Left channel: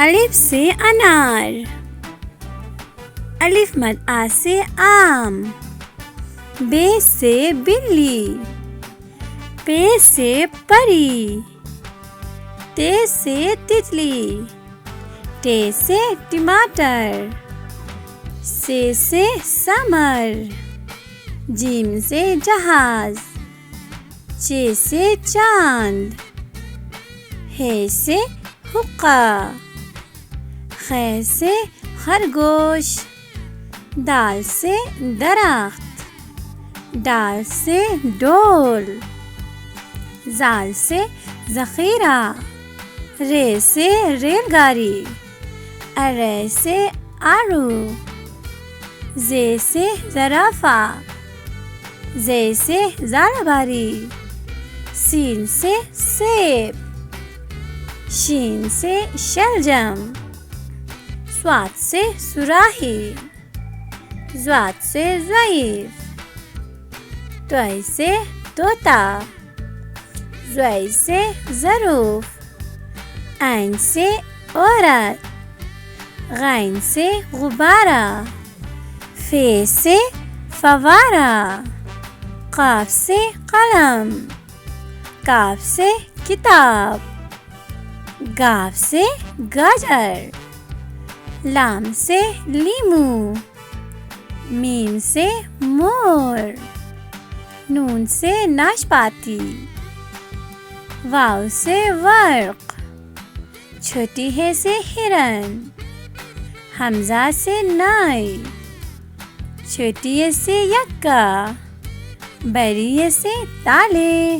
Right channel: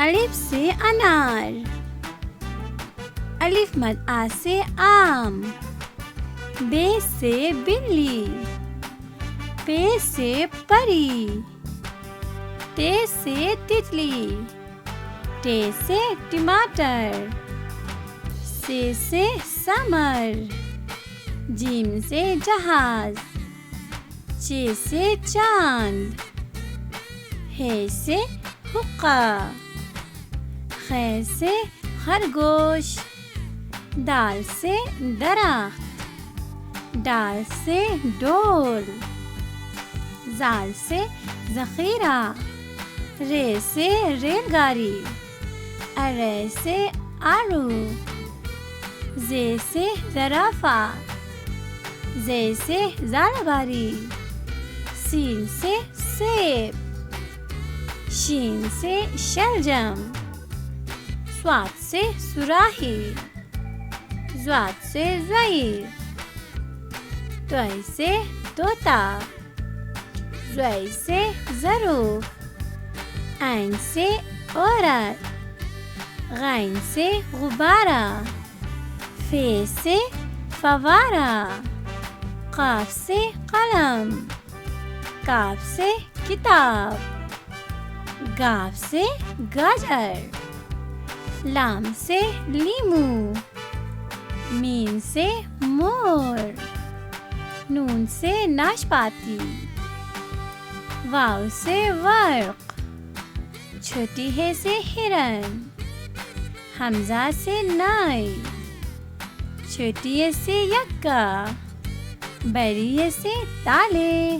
الف سے انار، الف مد آ سے آم، بے سے بلی، پے سے پری، تے سے تتلی، ٹے سے ٹماٹر، سے سمر، جیم سے جہاز، چے سے چاند، ہے سے حقہ، خے سے خرگوش، دال سے درخت، ڈال سے ڈول، زال سے ذخیرہ، رے سے ریل گاڑی، ارے سے آڑو، زے سے زرافہ، زے سے زالہ باری، سین سے سیب، شین سے شلجم، صاد سے صراحی، ضاد سے ضعیف، طے سے طوطا، ضے سے ظروف، عین سے عورت، غین سے غبارہ، فے سے فوارہ، قاف سے قلم، کاف سے کتاب، گاف سے گاجر، لام سے لیمو، میم سے مور، نون سے ناشپاتی، واو سے ورق، چھوٹی ہے سے ہرن، حمزہ سے نائی، چھوٹی ہے سے یکا، بڑی ہے سے تالے۔